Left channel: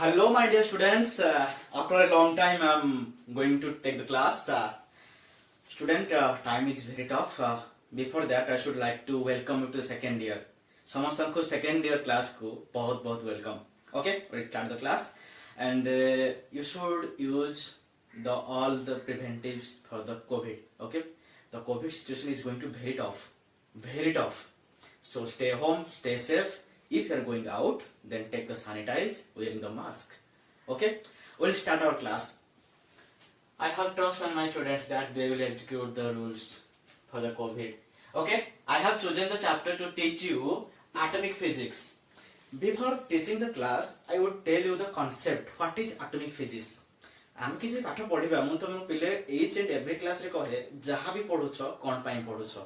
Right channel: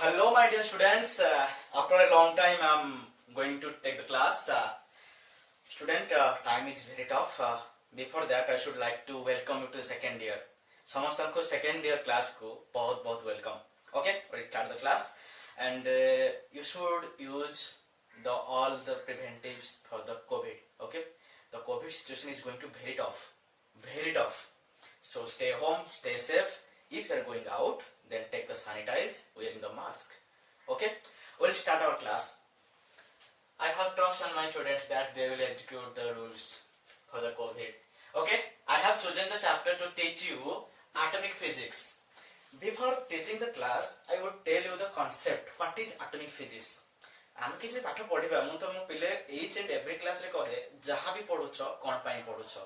Hello, my dear students. After a long time, I'm going to take the class. Time is very tough. Before that, I should like to welcome you to second year. समस्तों second year class को बहुत बहुत welcome. Okay, we'll start the class, and you should use all the preventives for the COVID. Okay, the COVID situation is going to be very tough. So stay home, stay safe. If you are going out, then take the sanitize wearing the mask. Okay, we'll start our class. I have trust on my students that they will execute the rules for the COVID. Okay, I have chosen the chapter to teach you atomic physics. Before teaching the class, I would tell you the concept. What is atomic physics? आम किसी पाठ पढ़िबा मु तुम पिले each and every class रे कहे जहां भी पढुछ कोन पई पढुछ.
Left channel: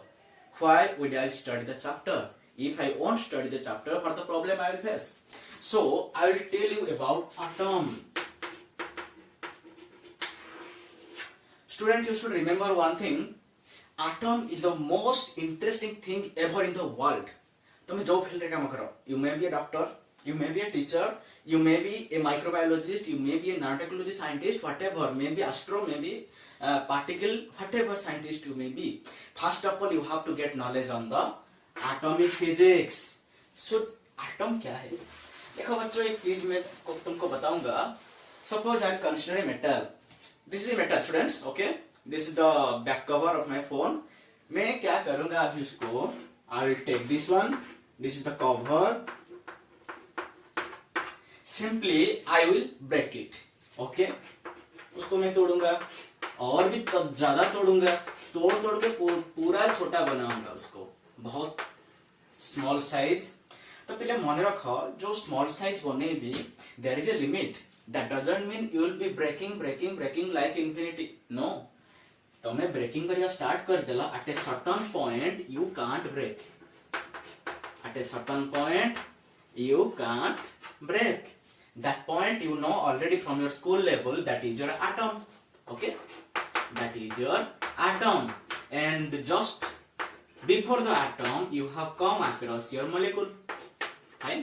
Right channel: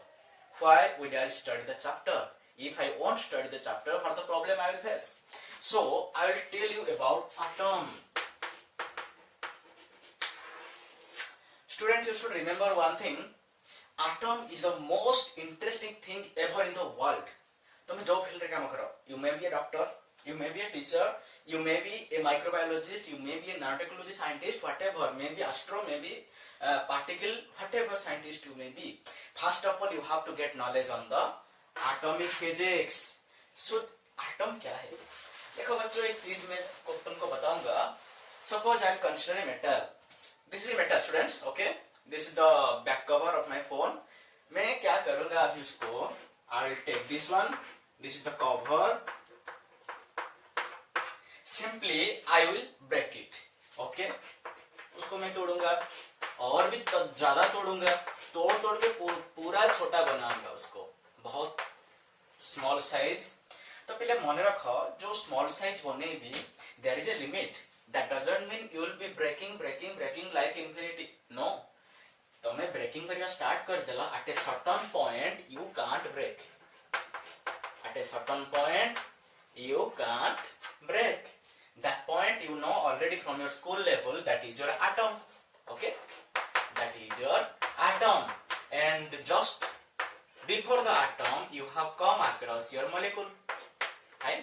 Why would I study the chapter? If I won't study the chapter, what the problem I will face? So I will tell you about atom. Students, you should remember one thing. Atom is the most interesting thing ever in the world. तुम जो field रे काम करो, you may be a doctor, you may be a teacher, you may be a microbiologist, you may be a nanotechnology scientist, whatever, maybe astro, maybe particle, whatever scientist you may be. First of all, you have to get knowledge on the atomic physics. So atom क्या है? देखो बच्चों, एक चीज मैं तुमको बताऊंगा. Suppose I consider a metal. This is a metal, students. Okay, this is the back cover of my phone. मैं क्या करूंगा अभी इसको? I will take this one. This is the cover. Simply I will break it. Okay, उसको मैं तोड़ूंगा और भी ज्यादा तोड़ूंगा. तोड़ के पूरा छोटा बनाऊंगा उसको, बहुत स्मॉल साइज. तो पहले मन रख, जो स्मॉल साइज बनेबी there is a limit. That doesn't mean you will be breaking like infinity. No, तमे ब्रेकिंग करवा स्टार्ट कर देला. At a certain point you can't break. At a certain point you can't break. That point you know already from your school level. That is your atom. Okay, that is your atom. And just before the atom you have come across your molecule. Fine.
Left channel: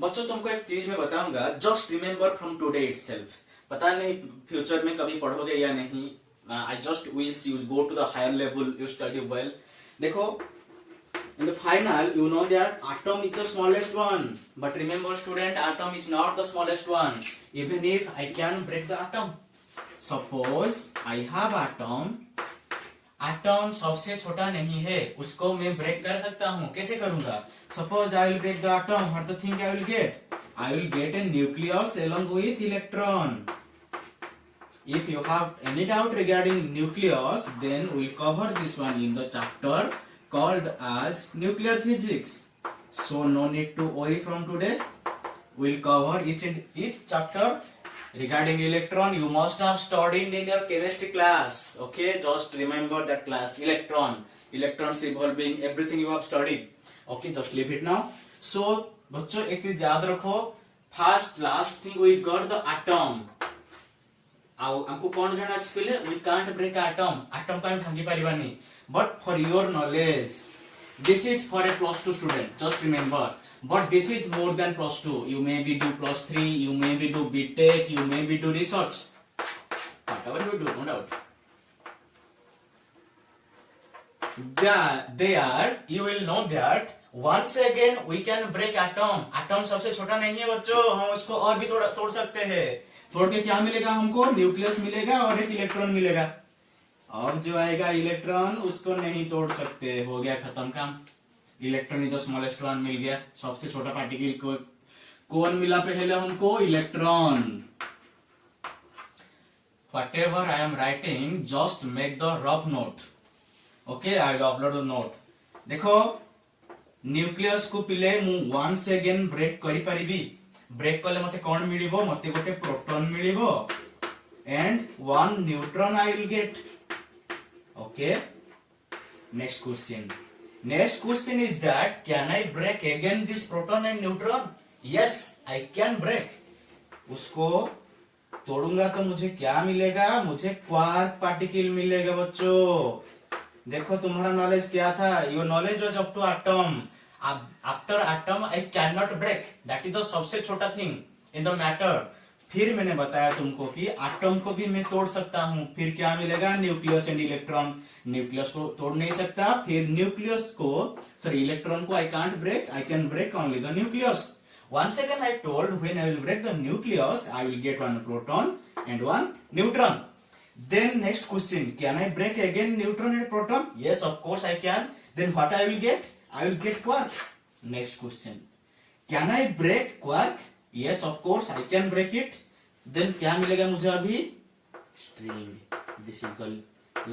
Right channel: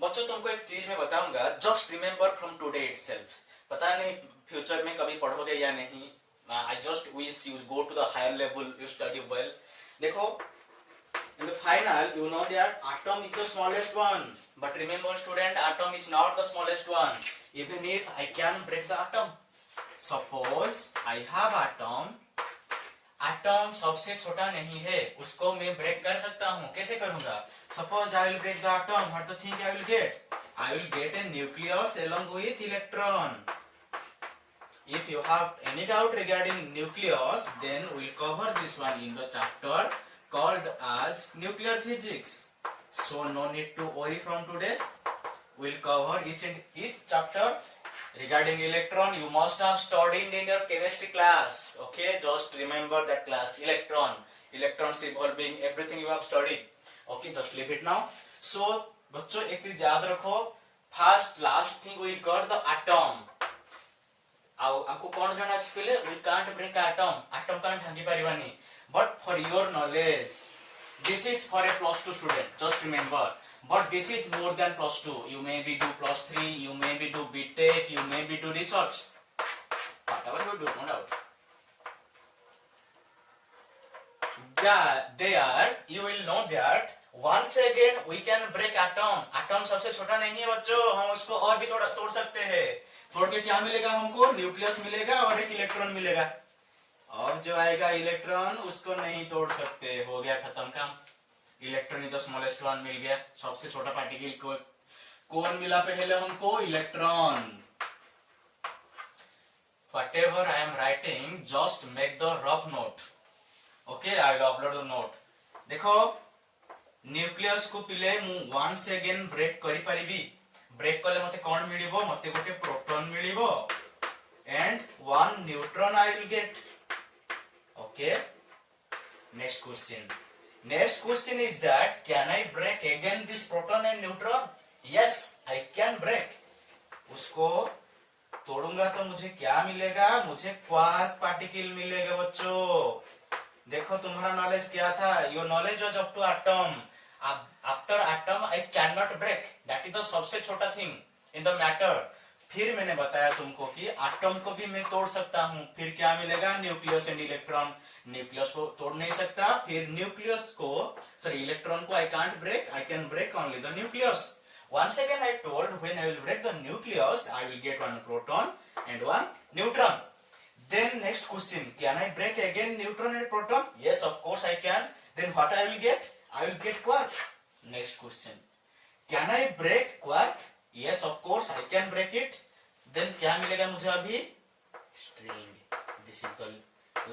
बच्चों, तुमको एक चीज मैं बताऊंगा. Just remember from today itself. पता नहीं future में कभी पढ़ोगे या नहीं. I just wish you go to the higher level, you study well. देखो, in the final you know that atom is the smallest one, but remember student, atom is not the smallest one. Even if I can break the atom, suppose I have atom सबसे छोटा नहीं है, उसको मैं break कर सकता हूँ. कैसे करूंगा? Suppose I will break the atom. What the thing I will get? I will get a nucleus along with electron. If you have any doubt regarding nucleus, then we'll cover this one in the chapter called as nuclear physics. So no need to worry from today. We'll cover each chapter. Regarding electron, you must have studied in your chemistry class. Okay, just remember that class. Electrons evolving, everything you have studied. Okay, just leave it now. So बच्चों, एक चीज याद रखो. First last thing we got the atom. आपको कौन जाना अच्छे पहले? We can't break atom. Atom can't भांगी परिवानी. But for your knowledge, this is for a plus 2 student. Just remember. But this is more than plus 2. You may be do plus 3. You may be do BTech. You may be do research. Whatever you do, no doubt. There, you will know that once again we can break atom. Atom सबसे छोटा नहीं है बच्चों. हम उसको और भी तोड़ सकते हैं. तोड़ के क्या मिलेगा हमको? न्यूक्लियस मिलेगा और एक इलेक्ट्रॉन मिलेगा. और जो आएगा इलेक्ट्रॉन, उसको नहीं तोड़ सकते. हो गया खत्म काम. Electron is the smallest one मिल गया. सबसे छोटा पार्टिकल को कौन मिला पहले हमको? Electron. Whatever I am writing, just make the rough note. Okay, I will upload the note. देखो, न्यूक्लियस को पिले मु once again ब्रेक करि परिबी. ब्रेक कले मते कौन मिलिबो? मते गोटे proton मिलिबो and one neutron I will get. Okay, next question is that can I break again this proton and neutron? Yes, I can break. उसको तोड़ूंगा तो मुझे क्या मिलेगा? मुझे क्वार्क पार्टिकल मिलेगा. बच्चों देखो, तुम्हारा नॉलेज क्या था? Your knowledge was up to atom. After atom I can not break, that is the सबसे छोटा थिंग इन द मैटर। फिर मैंने बताया तुमको कि एटम को भी मैं तोड़ सकता हूं, फिर क्या मिलेगा, न्यूक्लियस एंड इलेक्ट्रॉन। न्यूक्लियस को तोड़ नहीं सकता, फिर न्यूक्लियस को सॉरी इलेक्ट्रॉन को I can't break, I can break only the nucleus. Once again I told when I will break the nucleus, I will get one proton and one neutron. Then next question, can I break again neutron and proton? Yes, of course I can. Then what I will get? I will get quark. Next question, can I break quark? Yes, of course I can break it. Then क्या मिलेगा मुझे अभी? String. This is the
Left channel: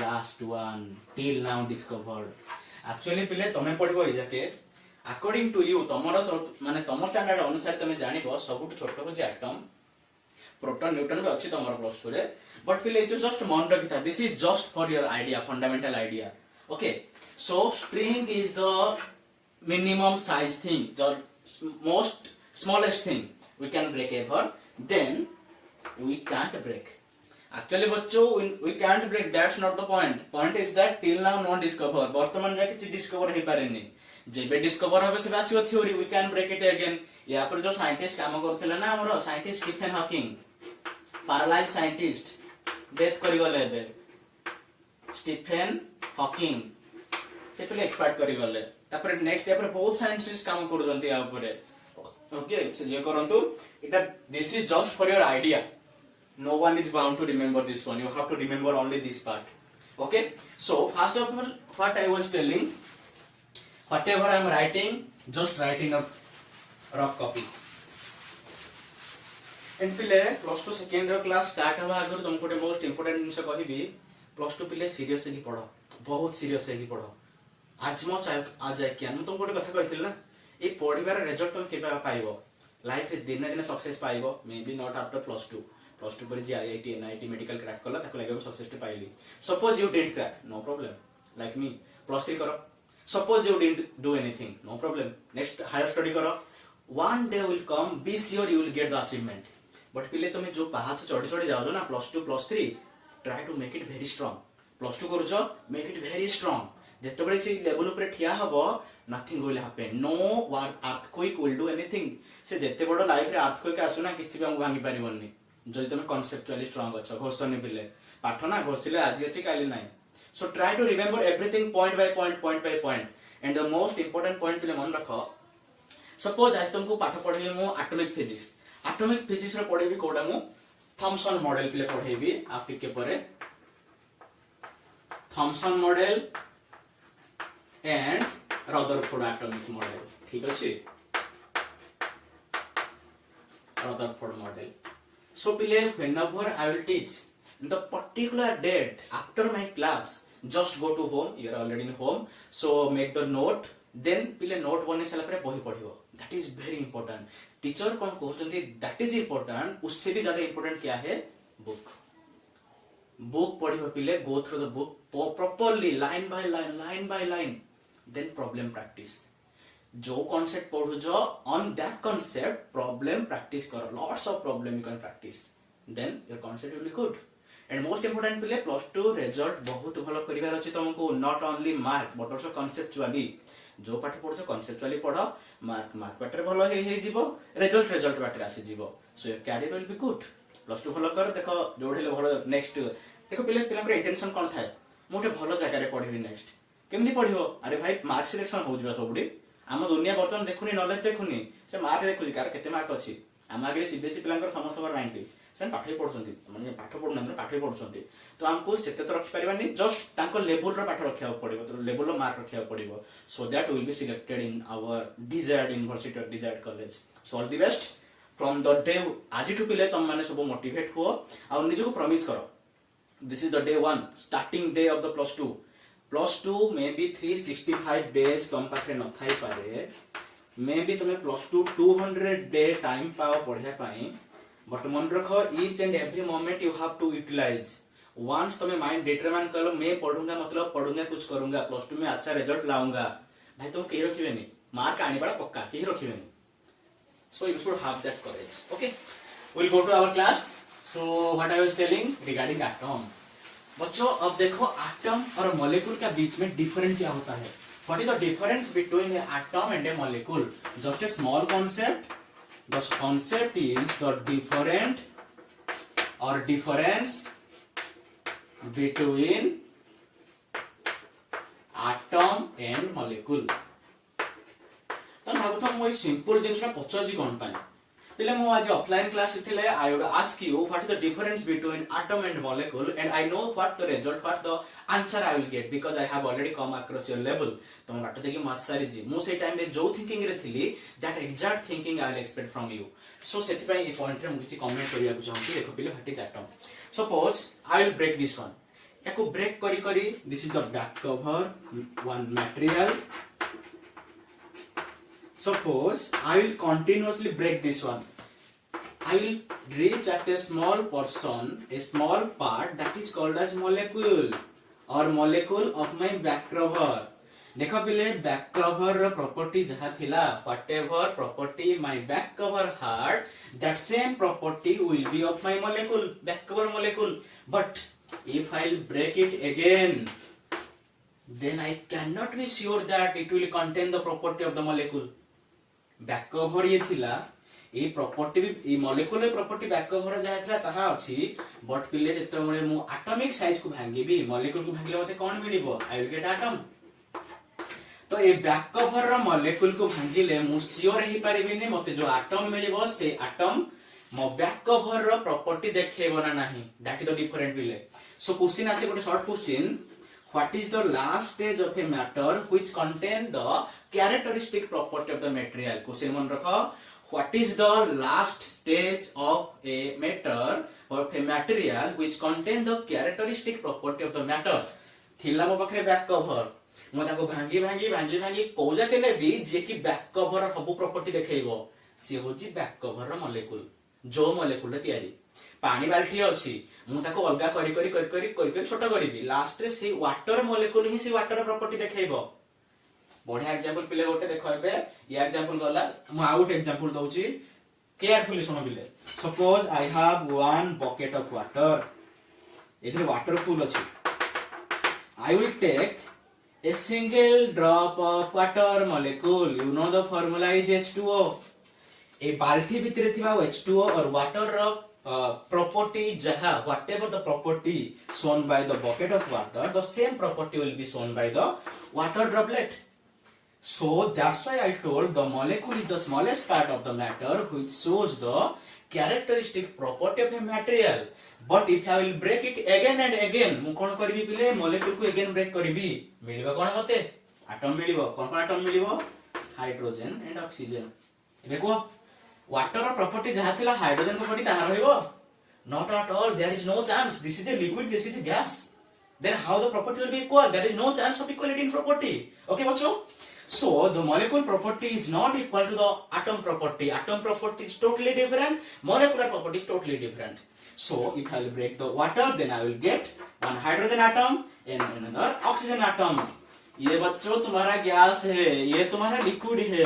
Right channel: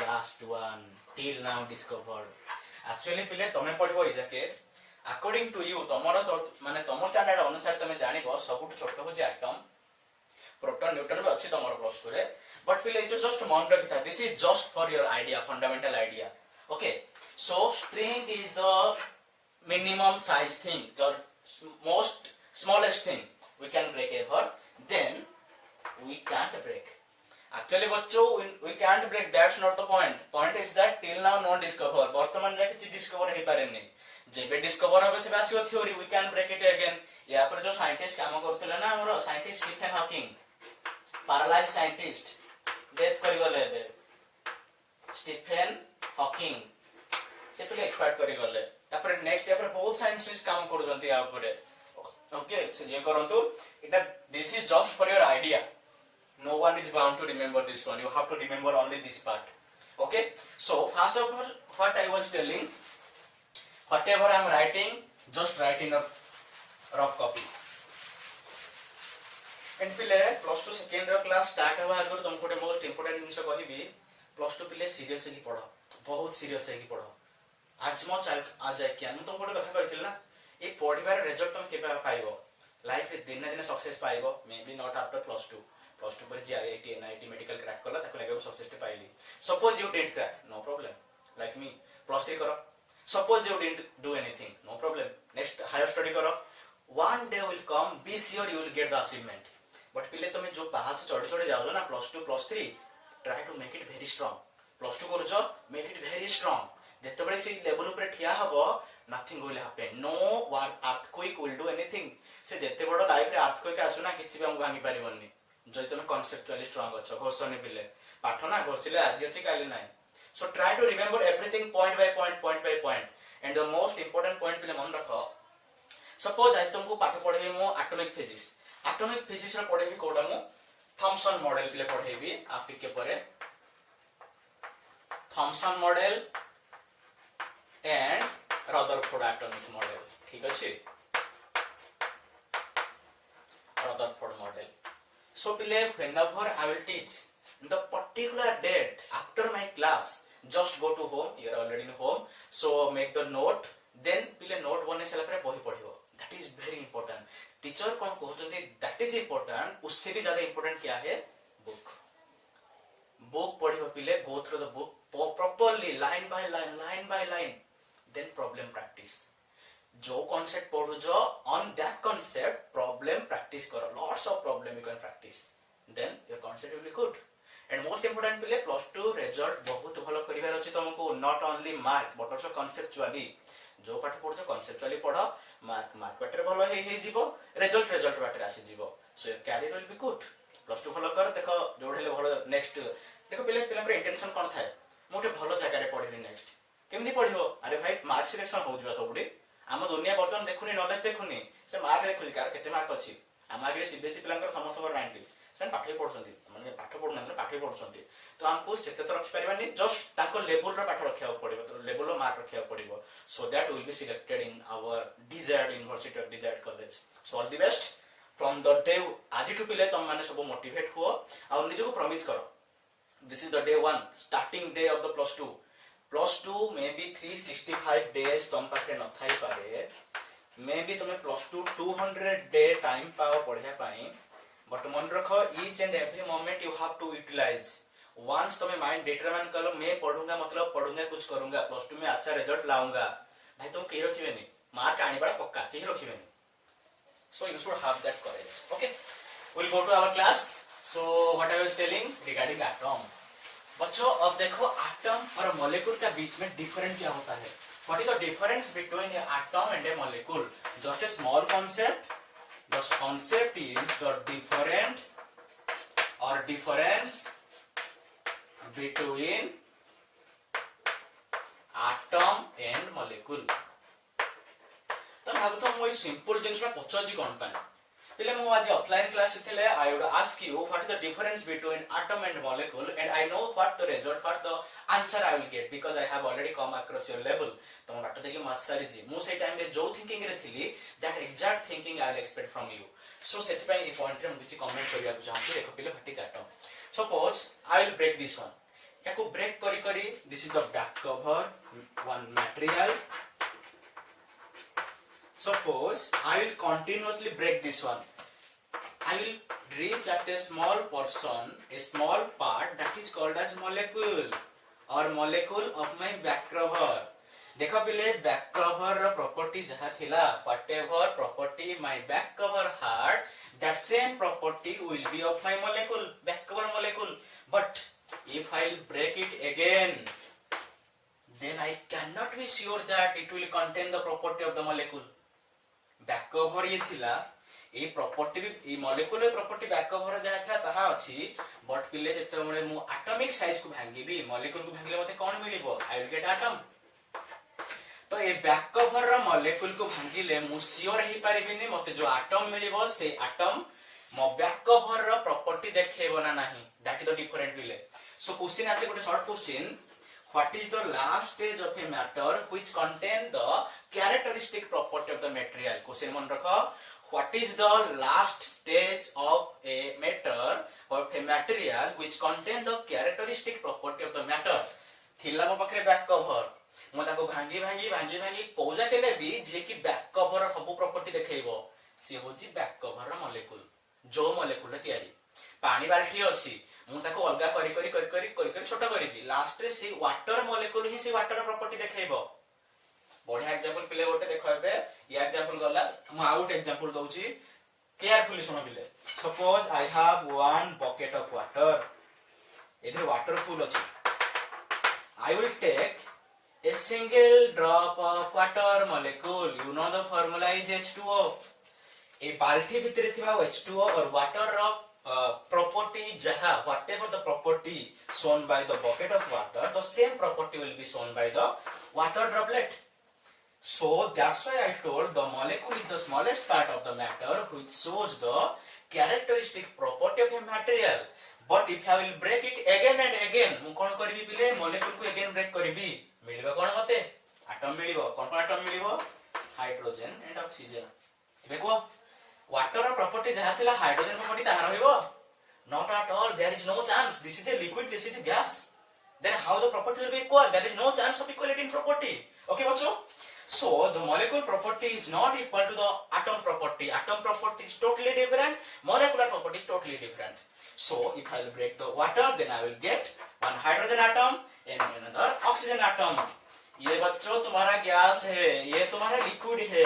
last one till now discovered. Actually पहले तुम्हें पढ़ो इजाके according to you तमर माने तम स्टैंडर्ड अनुसार तुम जानिबो सबुठ छोट हो जे एटम प्रोटॉन न्यूट्रॉन भी अच्छी तमर प्लस 2 रे, बट फिर ये जस्ट मन रखिता, this is just for your idea, fundamental idea. Okay, so string is the minimum size thing, the most smallest thing we can break ever, then we can't break. Actually बच्चों we can't break, that's not the point. Point is that till now not discover, वर्तमान जाके किछि discover हे पारेनी, जेबे discover होबे से आसीओ theory, we can break it again. या पर जो साइंटिस्ट काम करथिले ना हमरो scientist Stephen Hawking, paralyse scientist, death करि गले बे स्टीफन हॉकिंग, से पहले एक्सपायर करि गले, तापर नेक्स्ट या पर बहुत साइंटिस्ट काम करजंती आ ऊपर। ओके, से जे करंतु इटा, this is just for your idea, no one is bound to remember this one, you have to remember only this part. Okay, so first of all what I was telling, whatever I am writing, just write in a rough copy. And पिले plus 2 second रो class start होवा आगर तुमको गोटे most important जिंस कहिबी, plus 2 पिले serious हेकी पढो, बहुत सीरियस हेकी पढो। आज मो आज क्या मैं तुमको गोटे कथा कहिथिल ना, ए पढिबार रिजल्ट तुम केबे पाइबो, लाइफ रे दिन दिन सक्सेस पाइबो, may be not after plus 2 पर जे आईआईटी एनआईटी मेडिकल क्रैक करला ताको लागबो सक्सेस टे पाइली। Suppose you didn't crack, no problem, like me plus 3 करो। Suppose you didn't do anything, no problem, next higher study करो, one day will come, be sure you will get the achievement. But पिले तुम जो पाहाच चढ़ी चढ़ी जाओ ना plus 2 plus 3, try to make it very strong. Plus 2 करूछ, मेक इट वेरी स्ट्रांग। जेतबे से लेवल ऊपर ठिया हबो, nothing will happen, no earthquake will do anything. से जेते बड़ लाइफ रे अर्थक्वेक आसु ना किछि भी हम भांगी परिबोनी, जदि तुम कॉन्सेप्चुअली स्ट्रांग अच्छो। घोषणी पिले पाठ ना घोषिले आज अच्छी काली ना। So try to remember everything point by point, point by point. And the most important point पिले मन रख, सपोज आज तुमको पाठ पढ़ेबी मु एटॉमिक फिजिक्स, एटॉमिक फिजिक्स रे पढ़ेबी कोडा मु थॉमसन मॉडल पिले पढ़ेबी, आप टिके परे Thompson model and Rutherford atomic model, ठीक अछि, Rutherford model. So Pile, whenever I will teach the particular date after my class, just go to home, you are already in home, so make the note, then Pile note बने साला परे बही पढ़ियो, that is very important। Teacher कौन कहते that is important, उससे भी ज्यादा important क्या है, book। book पढ़ियो Pile, go through the book properly, line by line, then problem practice। जो कॉन्सेप्ट पढ़ु जो on that concept problem practice करो, lots of problem you can practice, then your concept will be good. And most important पिले plus 2 result बहुत भलो करिवार अछि तुमको, not only mark but also conceptually. जो पाठ पढ़ो कॉन्सेप्चुअली पढ़ो, मार्क बाटे भलो हे जीवो, रिजल्ट बाटे आसी जीवो, so your career will be good. Plus 2 भलो कर, देखो जोड़ेले भलो। नेक्स्ट देखो पिले इंटेंशन कोन थाए, मोटे भलो जगह रे पढ़िबी, नेक्स्ट केमदी पढ़िबो, अरे भाई मार्क सिलेक्शन हो जिवा सबुडी। आम दुनिया बर्तमान देखुनी, नॉलेज देखुनी, से मार्क देखुनी कार केते मार्क अछि। आम आगे सीबीएसई पिलांकर समस्त 90, से पाठ पढ़ुछंती, माने पाठ पढ़ु ना, पाठ पढ़ुछंती, तो हमको सेते तो रखि परिबानी, जस्ट ताको लेवल रो पाठ रखिया पड़िबो, तो लेवल रो मार्क रखिया पड़िबो, so that will be selected in our desired university और desired college. So all the best from the day, आज टू पिले तुम माने सब मोटिवेट हुओ आ निजको प्रॉमिस करो, this is the day 1 starting day of the plus 2। Plus 2 may be 365 days तुम पाखे न थाई पारे, मे बी तुम्हें प्लस 2 200 डे टाइम पाओ पढ़िया पाई, बट मन रखो each and every moment you have to utilize. Once तुम्हें माइंड डिटरमाइन कर लो, मैं पढ़ूंगा मतलब पढ़ूंगा, कुछ करूंगा, प्लस 2 में अच्छा रिजल्ट लाऊंगा, भाई तुम कहीं रखिबेनी, मार्क आनी बड़ा पक्का कहीं रखिबेनी। So you should have that courage. Okay, we'll go to our class. So what I was telling regarding atom, बच्चों अब देखो एटम और मॉलिक्यूल का बीच में डिफरेंस क्या होता है. What is the difference between an atom and a molecule? Just a small concept. The concept is the different और difference between atom and molecule. तो भागुथ मु सिंपल जिनसा पचार कौन पाए पहले मु आज ऑफलाइन क्लास थे. I would ask you what is the difference between atom and molecule and I know what the result what the answer I will get because I have already come across your level. तो मैं बाट देखि मास सारी जी मु से time रे जो thinking रे थिली that exact thinking I will expect from you. So सेति पई ए पॉइंट रे मु किछि कमेंट करिया को चाहूची. देखो पहले what is atom. Suppose I will break this one. याको ब्रेक करी करी this is the back cover one material. Suppose I will continuously break this one. I will reach at a small portion, a small part that is called as molecule or molecule of my back cover. देखो पहले back cover रो property जहाँ थिला whatever property my back cover had, that same property will be of my molecule, back cover molecule. But if I will break it again, then I cannot be sure that it will contain the property of the molecule. Back cover ये थिला a property A molecular property back cover जहा थिला ताहा अछि. But पिले जते बेले मु एटॉमिक साइज को भांगीबी मॉलिक्यूल को भांगले मते कोन मिलिबो? I will get atom. तो ए बैक कवर रो मॉलिक्यूल को भांगीले मु सियोर ही परिबिनी मते जो एटम मिलिबो से एटम मो बैक कवर रो प्रॉपर्टी देखेबो ना नाही. दैट इज द डिफरेंट पिले. सो क्वेश्चन आसे गोटे short question. What is the last stage of a matter which contain the characteristic property of the material? Question मन रखो. What is the last stage of a matter or a material which contain the characteristic property of the matter? थिला मो पाखरे back cover मो ताको भांगी भांगी भांगी भांगी कोजा केले भी जे कि बैक कवर सब प्रॉपर्टी देखैबो से होची बैक कवर रो मॉलिक्यूल. जो मॉलिक्यूल रे तयारी पानी बाल्टी अछि मु ताको अलगा करी करी करी करी करी करी छोटा करिबी लास्ट रे से वाटर मॉलिक्यूल ही से वाटर प्रॉपर्टी देखैबो. बढ़िया एग्जांपल पिले गोटे देखो एबे या एग्जांपल गला मु आउट एग्जांपल दउची केयरफुली सुनो पिले. Suppose I have one bucket of water. एथरे वाटर फुल अछि. I will take a single drop of water molecule. You know the formula is H2O. ए बाल्टी भितरे थिबा H2O और water row property jaha whatever the property shown by the bucket of water, the same property will be shown by the water droplet. So that's why I told the molecule is the smallest part of the matter which shows the characteristic property of a material. But if I will break it again and again, मु कोन करबी पिले molecule को again break करबी मिलिबा कोन मते atom मिलिबो. कोन कोन atom मिलिबो? Hydrogen and oxygen. एबे को water property जहा थिला हाइड्रोजन property ताहा रहिबो? Not at all. There is no chance. This is a liquid, this is a gas. Then how the property will be equal? There is no chance of equality in property. Okay, bachcho? So the molecule property is not equal to the atom property. Atom property is totally different. Molecular property is totally different. So if I will break the water, then I will get one hydrogen atom and another oxygen atom. ये बच्चों तुम्हारा gas है, ये तुम्हारा liquid है.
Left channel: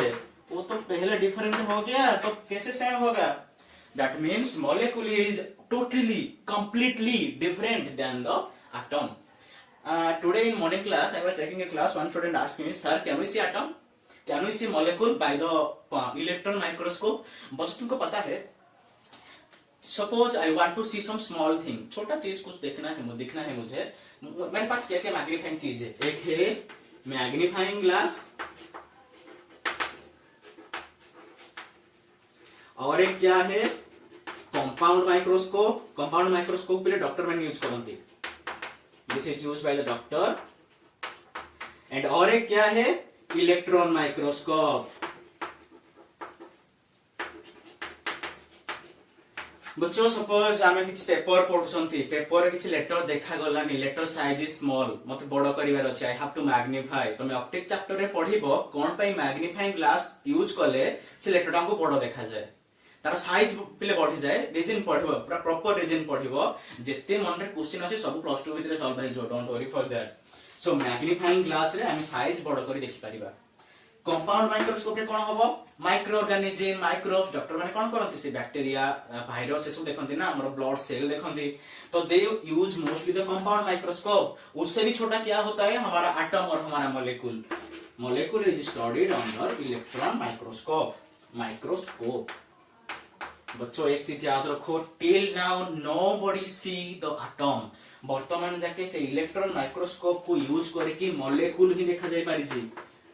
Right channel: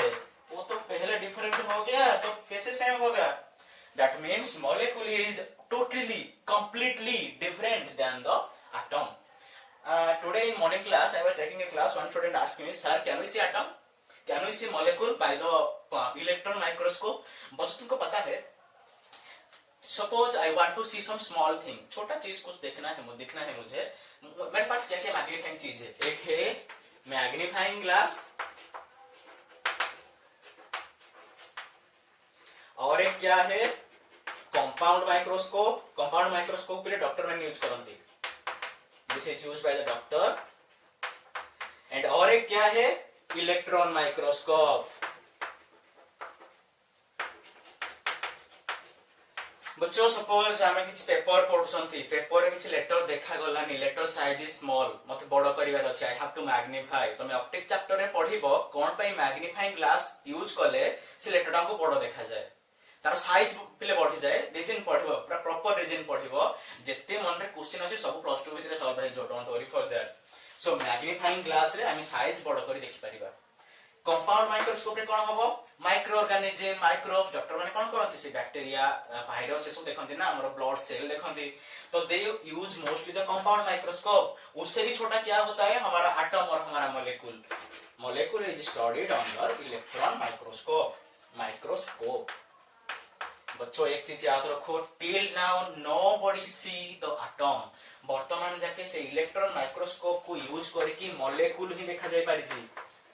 वो तो पहले डिफरेंट हो गया, तो कैसे सेम होगा? That means molecule is totally, completely different than the atom. Today in morning class, I was taking a class. One student asked me, "Sir, can we see atom? Can we see molecule by the electron microscope?" बस तुमको पता है. Suppose I want to see some small thing. छोटा चीज कुछ देखना है मुझे. मेरे पास क्या क्या मैग्नीफाइंग चीज है? एक है मैग्नीफाइंग ग्लास और एक क्या है कंपाउंड माइक्रोस्कोप. कंपाउंड माइक्रोस्कोप के लिए डॉक्टर मैंने यूज करती. This is used by the doctor. And और एक क्या है इलेक्ट्रॉन माइक्रोस्कोप. बच्चों सपोज आमे किछि पेपर पढुसंती. पेपर रे किछि लेटर देखा गलानी. Letter size is small. मते बड़ करिवार अछि. I have to magnify. तमे ऑप्टिक चैप्टर रे पढिबो कोन पई मैग्निफाइंग ग्लास यूज कले से लेटर को बड़ देखा जाए. तार साइज पिले बढ़ी जाए. रीजन पढिबो पूरा प्रॉपर रीजन पढिबो. जेते मन रे क्वेश्चन अछि सब प्लस 2 भितरे सॉल्व हो जो. Don't worry for that. So magnifying glass रे आमे साइज बड़ करी देखि परिबा. कंपाउंड माइक्रोस्कोप रे कोन हबो माइक्रो ऑर्गेनिज्म माइक्रोब्स डॉक्टर माने कोन करंती से बैक्टीरिया वायरस से सब देखंती ना हमर ब्लड सेल देखंती तो they use mostly the compound microscope उससे भी छोटा क्या होता है हमारा एटम और हमारा molecule molecule is studied under electron microscope बच्चों एक चीज याद रखो till now nobody C the atom वर्तमान जाके से इलेक्ट्रॉन माइक्रोस्कोप को यूज करके मॉलिक्यूल ही देखा जाय पारि छी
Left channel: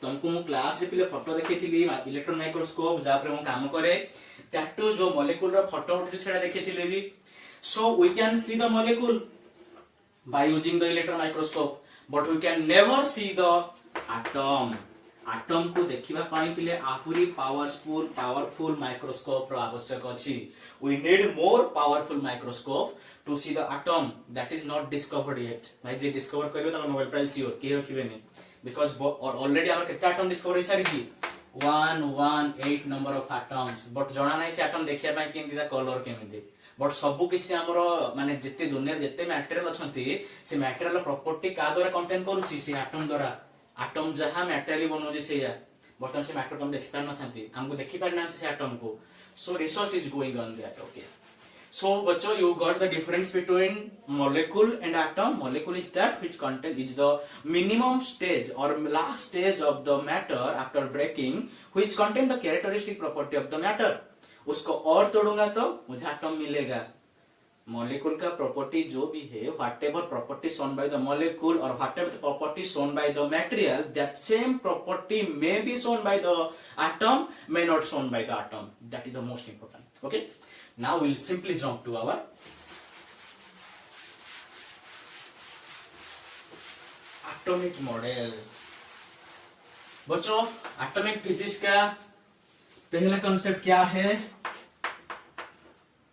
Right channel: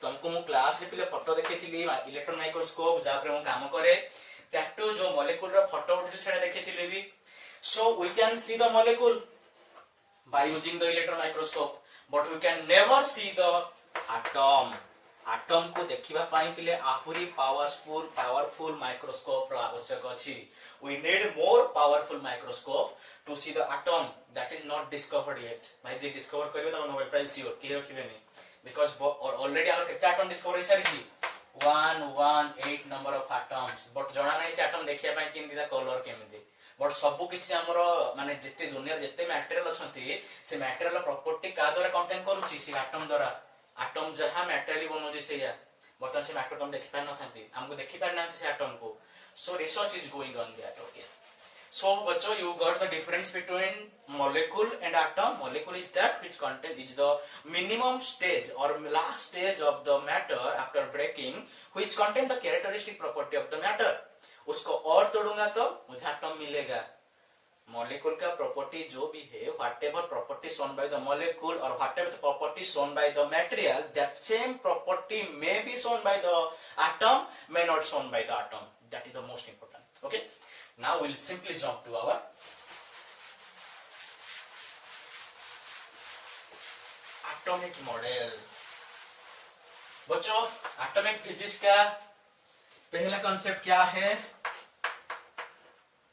तुमको मु क्लास रे पिले फोटो देखैथिली इलेक्ट्रॉन माइक्रोस्कोप जा पर मु काम करे टैटू जो मॉलिक्यूल रो फोटो उठिल छडा देखैथिली भी so we can see the molecule by using the electron microscope but we can never see the atom को देखिबा पाई पिले आहुरी पावरफुल माइक्रोस्कोप रो आवश्यक अछि we need more powerful microscope to see the atom that is not discovered yet भाई जे discover करियो त नोबेल प्राइज सियोर के रखिबे नै बिकॉज ऑलरेडी आवर केते एटम डिस्कवर सारी छी 118 नंबर ऑफ एटम्स बट जणा नै से एटम देखिया पाई केमति दा कलर केमति बट सबु किछि हमरो माने जत्ते दुनिया जत्ते मटेरियल अछंती से मटेरियल प्रॉपर्टी का द्वारा कंटेन करूची से एटम द्वारा एटम जहा मटेरियल बनोजी से या बर्तन से एटम हम देखि पार नथांती हमको देखि पार नांती से एटम को सो research is going on that okay so bachcho you got the difference between molecule and atom molecule is that which content is the minimum stage or last stage of the matter after breaking which contain the characteristic property of the matter उसको और तोड़ूंगा तो मुझे atom मिलेगा molecule का property जो भी है whatever property shown by the molecule और whatever the property shown by the material that same property may be shown by the atom may not shown by the atom that is the most important okay now we'll simply jump to our atomic model बच्चों atomic physics का पहला concept क्या है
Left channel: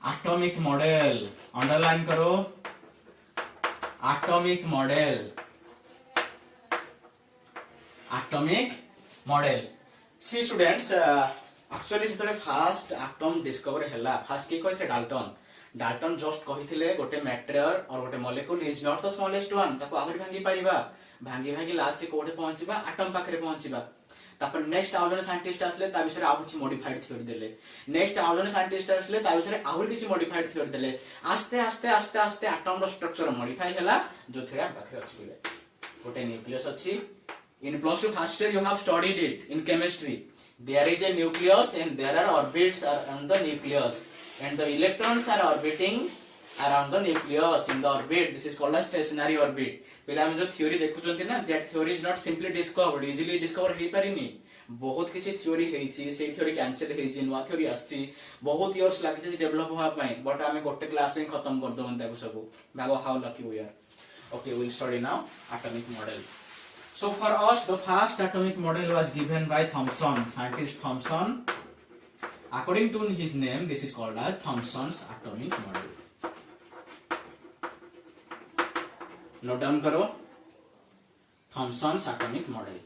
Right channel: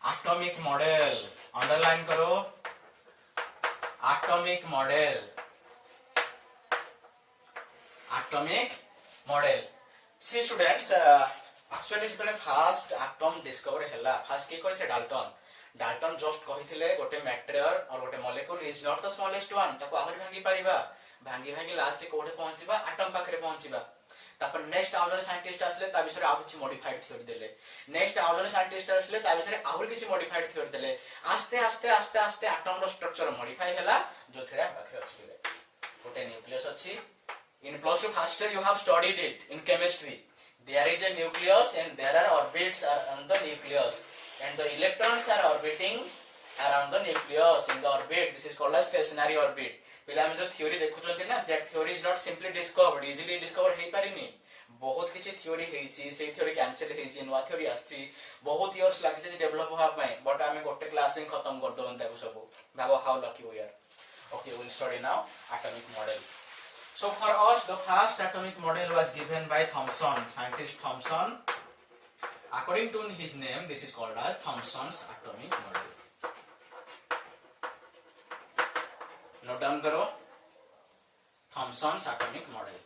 atomic model underline करो atomic model see students actually जतले first atom discover हैला fast के कहथे डाल्टन जस्ट कहिथिले गोटे मटेरियल और गोटे molecule is not the smallest one ताको आहुरी भांगी लास्ट कोठे पहुंचीबा एटम पाखरे पहुंचीबा तापर नेक्स्ट आउ जने साइंटिस्ट आसले ता विषय आ किछि मॉडिफाइड थ्योरी देले नेक्स्ट आउ जने साइंटिस्ट आसले ता विषय आहुरी किछि मॉडिफाइड थ्योरी देले आस्ते आस्ते एटम रो स्ट्रक्चर मॉडिफाई हैला जो थ्योरी हम पाखरे अछि बोले गोटे न्यूक्लियस अछि in plus 2 first year you have studied it in chemistry there is a nucleus and there are orbits around the nucleus and the electrons are orbiting around the nucleus in the orbit this is called a stationary orbit पहले हम जो theory देखुचंती ना that theory is not simply discovered easily discover हेई पारिनी बहुत किछि theory हेइची से theory cancel हेइची नवा theory आछि बहुत इयर्स लागिछि डेवलप होआ पई बट हमें गोटे क्लास में खत्म कर दोन ताको सब भागो how lucky we are okay will study now atomic model So for us, the first atomic model was given by Thomson, scientist Thomson. According to his name, this is called as Thomson's atomic model. Note down karo. Thomson's atomic model.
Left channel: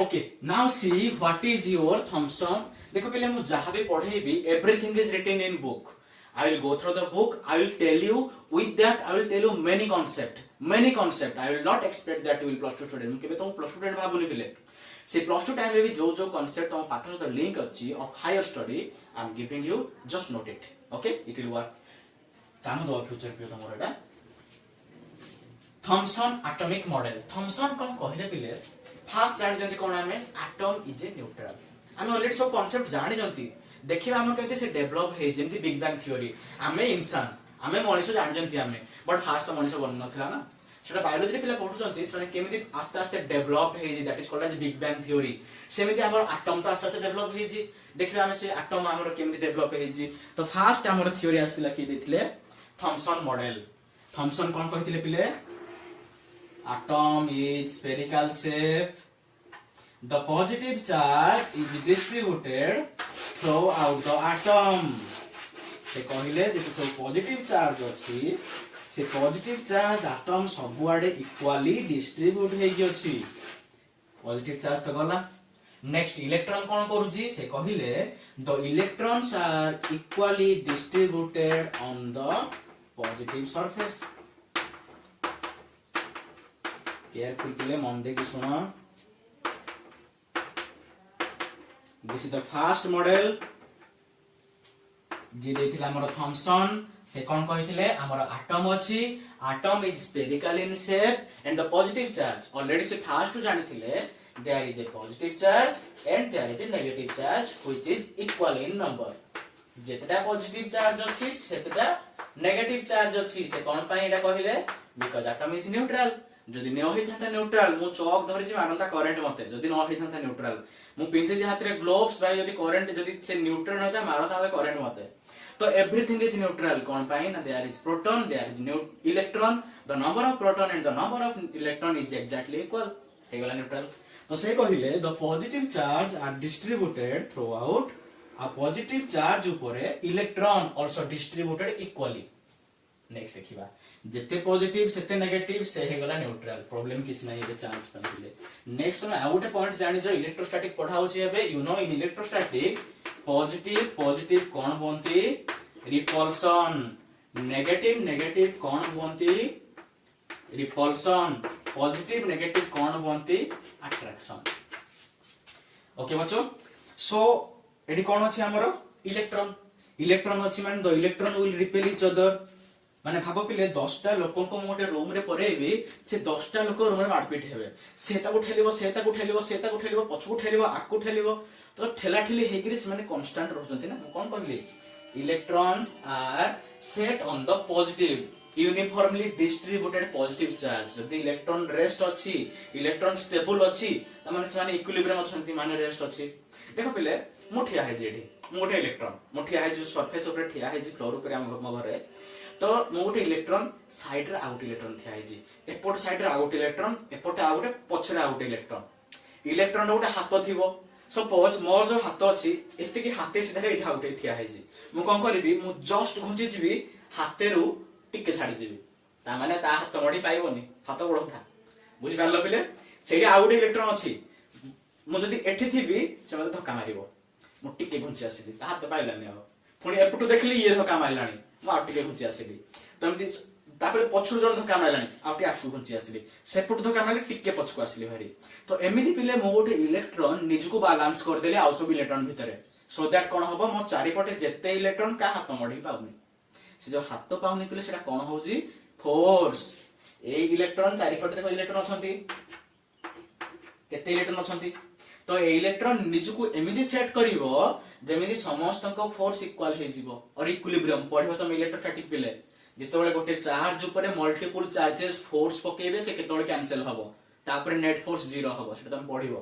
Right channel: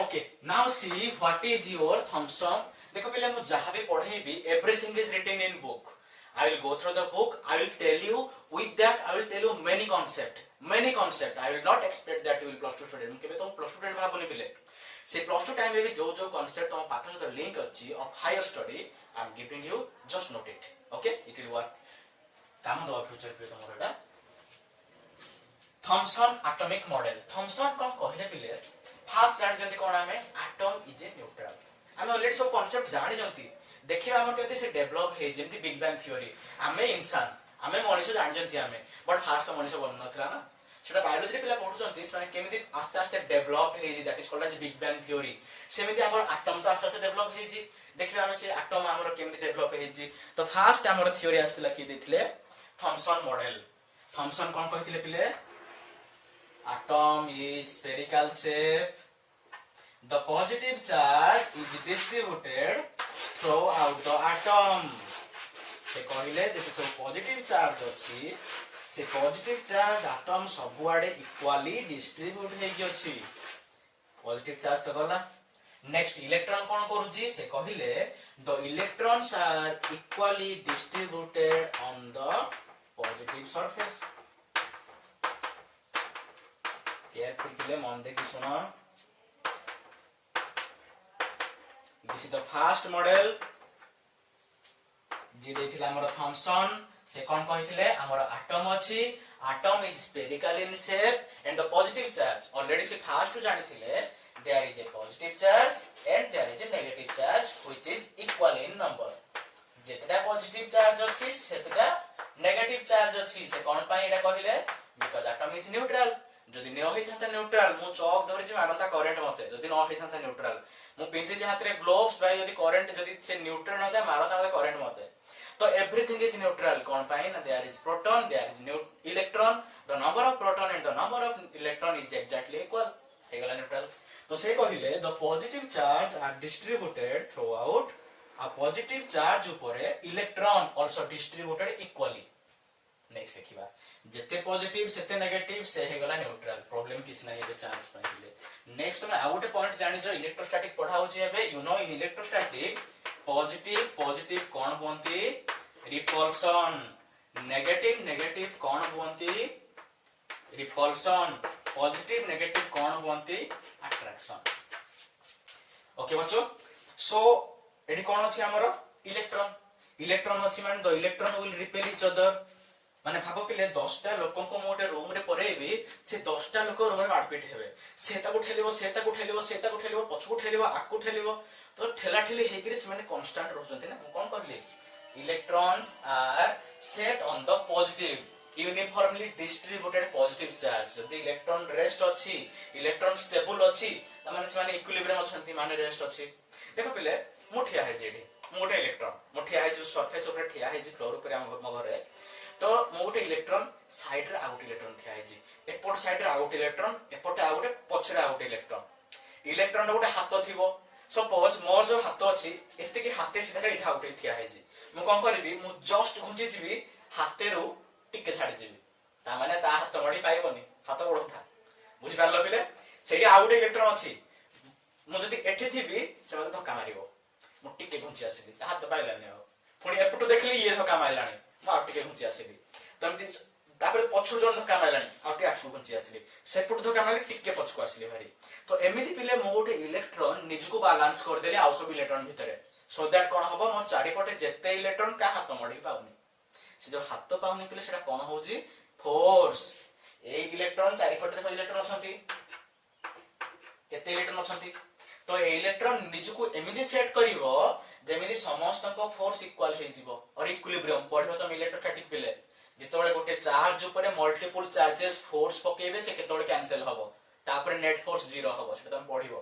Okay, now see what is your Thomson. देखो पहले हम जहाँ भी पढ़े भी everything is written in book. I will go through the book. I will tell you with that. I will tell you many concept. I will not expect that you will plus 2 student. मुझे तो plus 2 student भावुनी बिले. से plus 2 time में भी जो concept तो पाठों का link अच्छी of higher study. I am giving you just note it. Okay, it will work. काम दो future पे तो मोरेगा. Thomson atomic model. Thomson कौन कहले बिले? First जान जल्दी कौन हमें atom is a neutral. हमें already सब concept जानी जानती. देखिए हम कहते से डेवलप हे जेंती बिग बैंग थ्योरी हमें इंसान हमें मनुष्य जान जंती हमें बट फास्ट तो मनुष्य बन नथला ना सेटा बायोलॉजी पिला पढुचंती से केमिति आस्ते आस्ते डेवलप हे जे that is called as big bang theory सेमिति हमर एटम तो आस्ते आस्ते डेवलप हे जे देखिए हम से एटम हमर केमिति डेवलप हे जे तो फास्ट हमर थ्योरी आस्तिला कि देथिले थॉमसन मॉडल थॉमसन कोन कहिथिले पिले atom is spherical shape the positive charge is distributed throughout the atom से कहले जे सब पॉजिटिव चार्ज अछि से पॉजिटिव चार्ज एटम सब आडे इक्वली डिस्ट्रीब्यूट हे कि अछि पॉजिटिव चार्ज तो गला नेक्स्ट इलेक्ट्रॉन कोन करूजी से कहले the electrons are equally distributed on the positive surface careful मन दे कि सुनो this is the first model जी देथिला हमर थॉमसन से कोन कहिथिले हमर एटम अछि atom is spherical in shape and the positive charge already से फर्स्ट जानिथिले there is a positive charge and there is a negative charge which is equal in number जेतटा पॉजिटिव चार्ज अछि सेतटा नेगेटिव चार्ज अछि से कोन पई एटा कहिले because atom is neutral जदि न होई थाता न्यूट्रल मु चौक धरि जे मारंता करंट मते जदि न होई थाता न्यूट्रल मु पिंथि जे हाथ रे ग्लोव्स भाई जदि करंट जदि से न्यूट्रल नता मारंता मते करंट मते तो एवरीथिंग इज न्यूट्रल कोन पाई ना there is proton there is electron the number of proton and the number of electron is exactly equal हे गला न्यूट्रल तो से कहिले the positive charge are distributed throughout आ पॉजिटिव चार्ज ऊपरे electron also distributed equally next देखिबा जेते positive सेते नेगेटिव से हे गला न्यूट्रल प्रॉब्लम किछ नाही ए चार्ज पहिले नेक्स्ट ना आउट पॉइंट जानि जो इलेक्ट्रोस्टैटिक पढाउची एबे you know in electrostatic positive कोन होंती रिपल्सन नेगेटिव कोन होंती रिपल्सन पॉजिटिव नेगेटिव कोन होंती अट्रैक्शन ओके बच्चों सो एडी कोन अछि हमरो इलेक्ट्रॉन अछि माने the electron will repel each other माने भागो पिले 10टा लोकन को मोटे रूम रे परेबी से 10टा लोक रूम रे मारपीट हेबे से ताको ठेलिबो पछकु ठेलिबो आकु ठेलिबो तो ठेला ठेली हेगिरि से माने कांस्टेंट रहजंती ना कोन कहली electrons are set on the positive uniformly distributed positive charge जदि इलेक्ट्रॉन रेस्ट अछि इलेक्ट्रॉन स्टेबल अछि त माने से माने इक्विलिब्रियम अछंती माने रेस्ट अछि देखो पिले मुठिया है जेडी मोटे इलेक्ट्रॉन मुठिया है जो सरफेस ऊपर ठिया है जे फ्लोर ऊपर हम घरे तो मो गोटे इलेक्ट्रॉन साइड रे आउट इलेक्ट्रॉन थिया है जी एपोर्ट साइड रे आउट इलेक्ट्रॉन एपोर्ट आउट पछरे आउट इलेक्ट्रॉन गोटे हाथ थिबो सपोज मोर जो हाथ अछि एते कि हाथे सीधा एठा आउट थिया है जी मु कोन करबी मु जस्ट घुंची जीबी हाथे रु टिके छाडी जीबी ता माने ता हाथ मडी पाइबोनी हाथ बडो था बुझि पारलो पिले सेही आउट इलेक्ट्रॉन अछि मु जदी एठी थिबी से मते धक्का मारिबो मु टिके घुंची आसीली ता हाथ पाइलानी आ पुणी एपटू देखली ये धक्का मारलानी आउटे घुंची आसिली तमती तापर पछुर जण धक्का मारलानी आउटे आठु घुंची आसिली सेपट धक्का मारले टिके पछको आसिली भारी तो एमिति पिले मो गोटे इलेक्ट्रॉन निजको बैलेंस कर देले आउ सब इलेक्ट्रॉन भितरे सो दैट कोन हबो मो चारि पटे जेते इलेक्ट्रॉन का हाथ मडी पाउनी से जो हाथ पाउनी पिले सेटा कोन होउजी फोर्स ए इलेक्ट्रॉन चारि पटे देखो इलेक्ट्रॉन अछंती केते इलेक्ट्रॉन अछंती तो ए इलेक्ट्रॉन निजको एमिति सेट करिवो जेमिति समस्त को फोर्स इक्वल हे जिवो और इक्विलिब्रियम पढिबो त इलेक्ट्रोस्टैटिक पिले जेतोबेले गोटे चार्ज ऊपर मल्टीपल चार्जेस फोर्स पकेबे से केतोबेले कैंसिल हबो तापर नेट फोर्स 0 हबो सेटा तुम पढिबो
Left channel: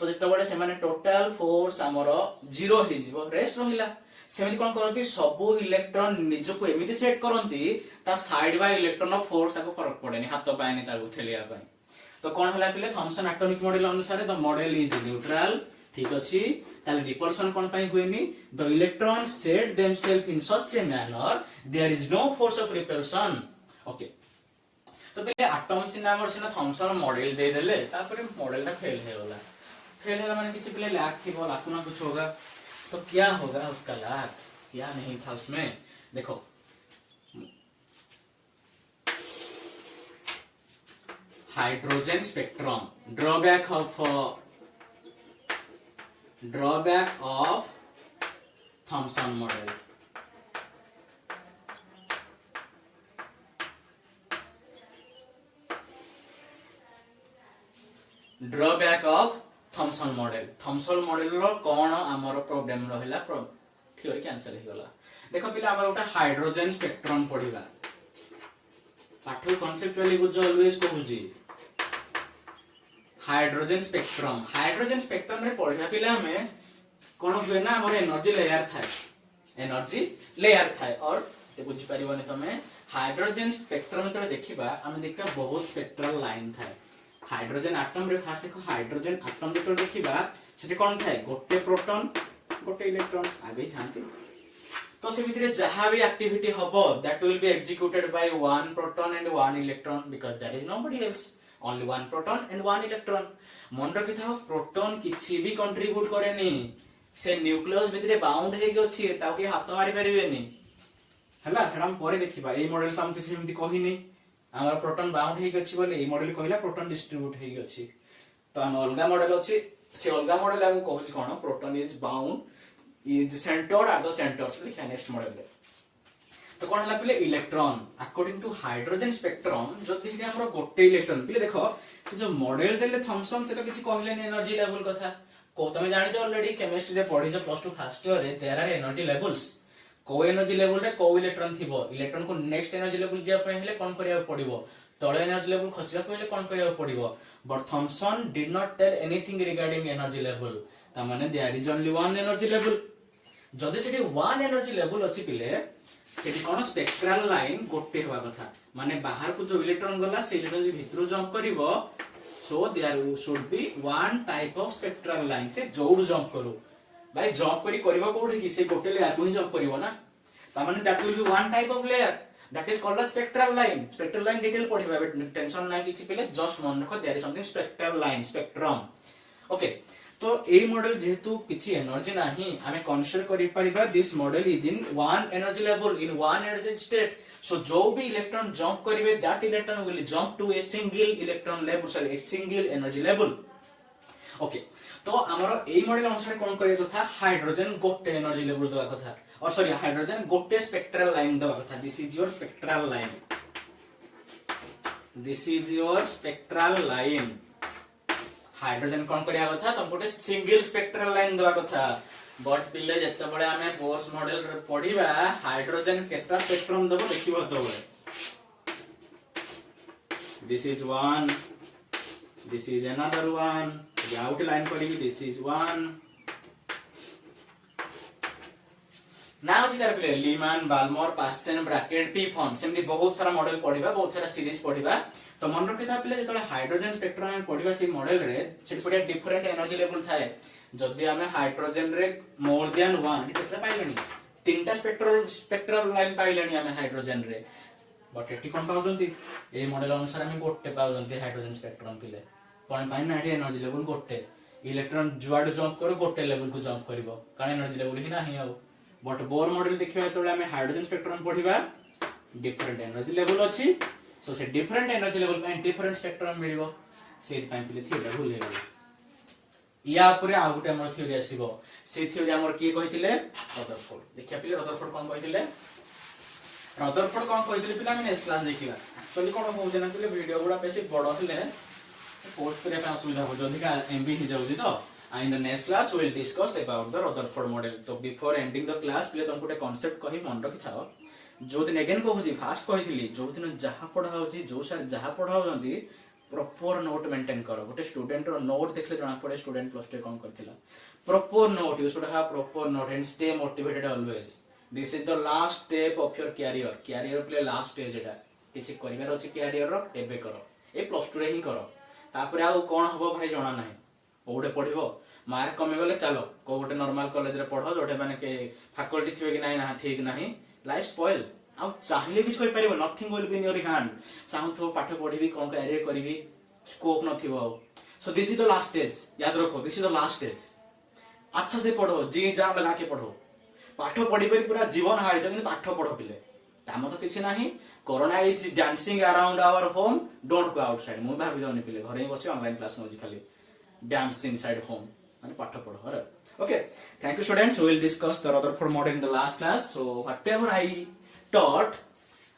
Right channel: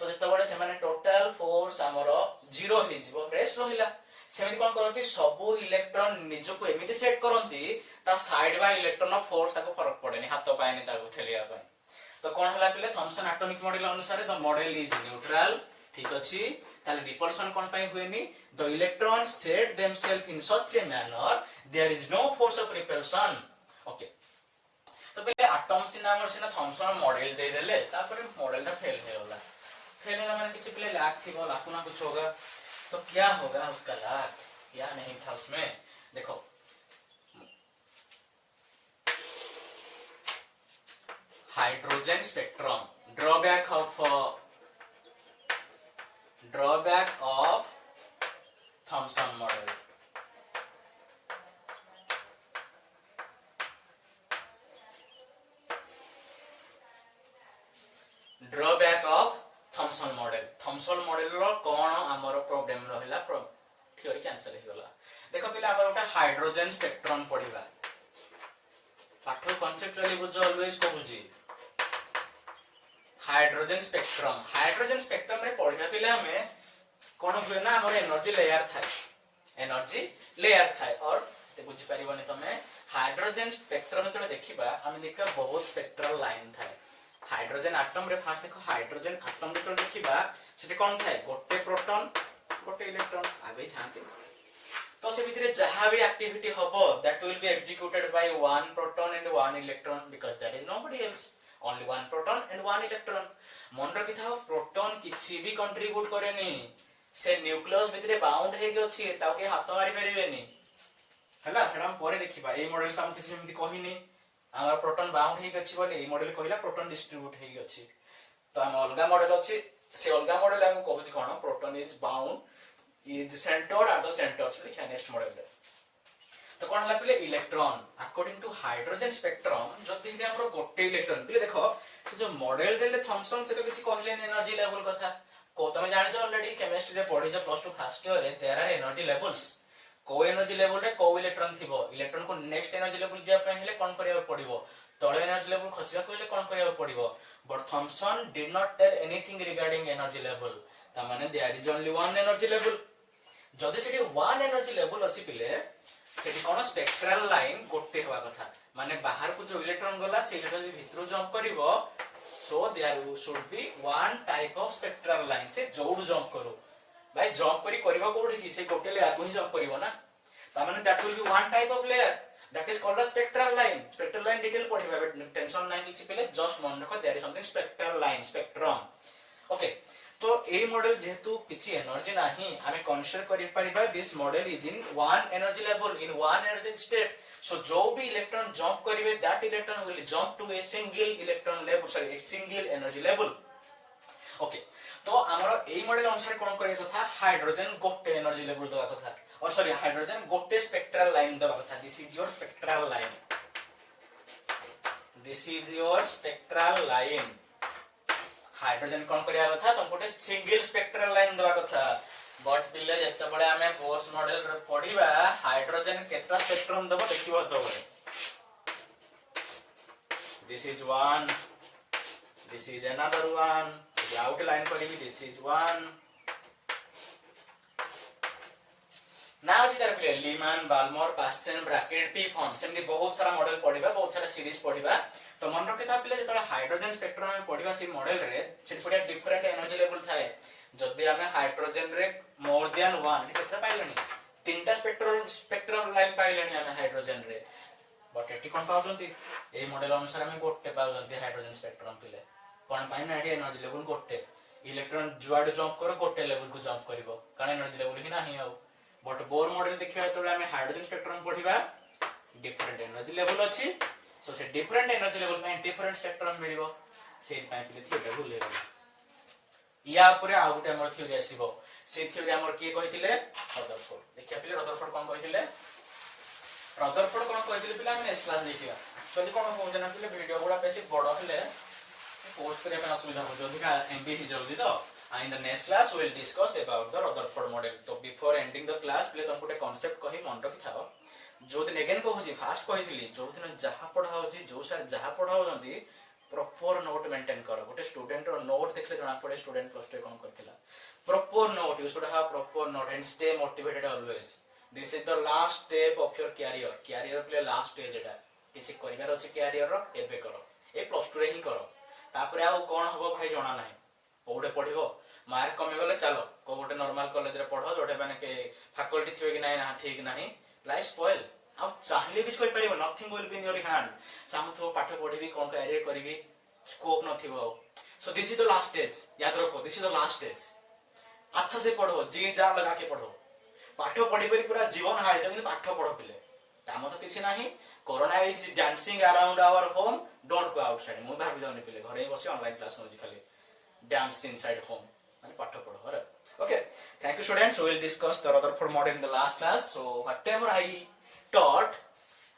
तो जेतोबेले से माने टोटल फोर्स हमरो 0 हे जिवो रेस्ट रहिला सेमिति कोन करंती सब इलेक्ट्रॉन निजको एमिति सेट करंती ता side by electron of force ताको फरक पड़ेनी हाथ पाएनी ताको ठेलिया पाए तो कोन हला पिले थॉमसन एटॉमिक मॉडल अनुसार द मॉडल इज न्यूट्रल ठीक अछि ताले रिपल्सन कोन पई हुएनी the electron set themselves in such a manner there is no force of repulsion okay तो पहले एटम सिना थॉमसन मॉडल दे देले तापर मॉडल ता फेल हो गला माने किसी पहले लाख थी लाखों ना कुछ होगा तो क्या होगा उसका लाख क्या नहीं था उसमें देखो hydrogen spectrum drawback of Thomson model drawback of Thomson model रो कोन हमर प्रॉब्लम रहला थ्योरी कैंसिल हो गला देखो पिला हमर ओटा हाइड्रोजन स्पेक्ट्रम पढिबा पाठ कॉन्सेप्चुअली बुझ ऑलवेज कहूजी हाइड्रोजन स्पेक्ट्रम रे पढिबा पिला में कोन हुए ना हमर एनर्जी लेयर थाए और ते बुझ परिबोनी तमे हाइड्रोजन स्पेक्ट्रम तो देखिबा हम देखा बहुत स्पेक्ट्रल लाइन थाए हाइड्रोजन एटम रे फास्ट देखो हाइड्रोजन एटम जो देखिबा सेठी कोन थाए गोटे प्रोटॉन गोटे इलेक्ट्रॉन आगे थांती तो से भितरे जहां भी एक्टिविटी हबो that will be executed by one proton and one electron because there is nobody else only one proton and one electron मन रखि था प्रोटॉन किछि भी कंट्रीब्यूट करेनी से न्यूक्लियस भितरे बाउंड हे गछि ताऊ के हाथ मारि परिबेनी हला सेडा हम परे देखिबा ए मॉडल हम किछि एमति कहिनी हमर प्रोटॉन बाउंड हे गछि बोले ए मॉडल कहिला प्रोटॉन डिस्ट्रीब्यूट हे गछि तो हम अलगा मॉडल अछि से अलग मॉडल आम कहूँ कौन proton is bound is centre at the centre से देखिए नेक्स्ट मॉडल रे तो कौन है पे electron according to hydrogen spectrum जदि हमर गोटे इलेक्ट्रॉन पे देखो से जो मॉडल देले थॉमसन से तो किछि कहले एनर्जी लेवल कथा को तुम जानिछ ऑलरेडी केमिस्ट्री रे पढिछ प्लस 2 फर्स्ट ईयर रे देयर आर एनर्जी लेवल्स को एनर्जी लेवल रे को इलेक्ट्रॉन थिबो इलेक्ट्रॉन को नेक्स्ट एनर्जी लेवल जे पे हेले कोन करिया पड़िबो तळे एनर्जी लेवल खसिया को हेले कोन करिया पड़िबो but Thomson did not tell anything regarding energy level ता माने there is only one energy level जदि सेठी वन एनर्जी लेवल अछि पिले सेठी कोन स्पेक्ट्रल लाइन गोटे होवा कथा माने बाहर को जो इलेक्ट्रॉन गला से इलेक्ट्रॉन भीतर जंप करिवो so there should be one type of spectral line से जोड़ जंप करू भाई जंप करी करबो कोठी कि से गोटे लेयर को ही जंप करिवो ना ता माने that will be one type of layer that is called a spectral line detail पढिबा टेंशन नाही किछि पिले जस्ट मन रखो there is something spectral line spectrum okay तो ए मॉडल जेहेतु किछि एनर्जी नाही हमें कंसीडर करि परिबा this model is in one energy level in one energy state so जो भी इलेक्ट्रॉन जंप करिवे that electron will jump to a single electron level sorry a single energy level okay तो हमर ए model अनुसार कोन करिय कथा हाइड्रोजन गोटे energy level दवा कथा और सॉरी हाइड्रोजन गोटे स्पेक्ट्रल लाइन दवा कथा this is your spectral line this is your spectral line hydrogen कोन करिया कथा तुम गोटे सिंगल स्पेक्ट्रल लाइन दवा कथा बट पिले जत्ते बळे हमें बोर्स मॉडल रे पढिबा हाइड्रोजन केतना स्पेक्ट्रम दबो देखिबो तो this is one this is another one outline करेंगे दिस इज वन नाउ जी तार लीमैन बाल्मर पास्चन ब्रैकेट पी फॉर्म सेमती बहुत सारा मॉडल पढिबा बहुत सारा सीरीज पढिबा तो मन रखिथा पिले जतले हाइड्रोजन स्पेक्ट्रम में पढिबा सी मॉडल रे सेट पडे डिफरेंट एनर्जी लेवल थाए जदी हमें हाइड्रोजन रे मोर देन 1 केतना पाइलनी तीनटा स्पेक्ट्रल लाइन पाइलनी हमें हाइड्रोजन रे बट एटी कोन पाउजंती ए मॉडल अनुसार हमें गोटे पाउजंती हाइड्रोजन स्पेक्ट्रम पिले कोन पाइन ना एनर्जी लेवल गोटे इलेक्ट्रॉन जुआड जंप करो गोटे लेवल को जंप करिवो कारण एनर्जी लेवल ही नाही आउ बट बोर मॉडल देखिबा तो हमें हाइड्रोजन स्पेक्ट्रम पढिबा डिफरेंट एनर्जी लेवल अछि सो से डिफरेंट एनर्जी लेवल पे डिफरेंट स्पेक्ट्रम मिलिबो सेहि पय पिले थियोरी भूल गेल या ऊपर आ गुटे हमर थियोरी आसीबो से थियोरी हमर की कहिथिले रदरफोर्ड देखिया पिले रदरफोर्ड कोन कहिथिले रदरफोर्ड कोन कहिथिले पिले हम नेक्स्ट क्लास देखिबा चली कोन हो जना पिले वीडियो गुडा पैसे बड़ हले पोस्ट करे पे असुविधा हो जदी का एमबी ही जाउजी तो in the next class we will discuss about the Rutherford model तो before ending the class पहले तुमको एक concept कही मन रखि थाओ जो दिन अगेन कहूजी फास्ट कहिथिली जो दिन जहा पढा होजी जो सर जहा पढा होजंती प्रॉपर नोट मेंटेन करो गोटे स्टूडेंट रो नोट देखले जणा पड़े स्टूडेंट प्लस 2 कोन करथिला proper note you should have proper note and stay motivated always this is the last step of your career प्ले लास्ट स्टेज एटा किछि करिवार अछि कैरियर रो एबे करो ए प्लस 2 रे ही करो तापरे आ कोन हबो भाई जणा नाही कोडे पढिबो मार्क कमी गले चलो को गोटे नॉर्मल कॉलेज रे पढो जोटे माने के फैकल्टी थिबे कि नाही ना ठीक नाही लाइफ स्पॉइल आ चाहिले भी सोई परिबो nothing will be in your hand चाहू तो पाठ पढिबी कोन कैरियर करिवि स्कोप नथिबो so this is the last stage याद रखो this is the last stage अच्छा से पढो जी जान लगा के पढो पाठ पढी परी पूरा जीवन हाई तो पाठ पढो पिले काम तो किछि नाही corona is dancing around our home don't go outside मु भाबी जाउनी पिले घरे ही बसी ऑनलाइन क्लास नोजी खाली डांस इनसाइड होम माने पाठ पढो रे okay thank you students we will discuss the Rutherford model in the last class so whatever I taught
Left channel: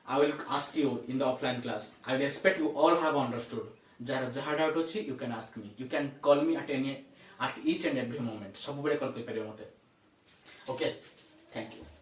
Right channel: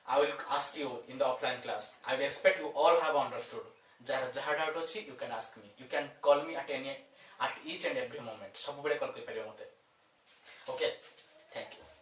I will ask you in the offline class I will expect you all have understood jaha doubt अछि you can ask me you can call me at each and every moment सब बेले call कर परियो मते okay thank you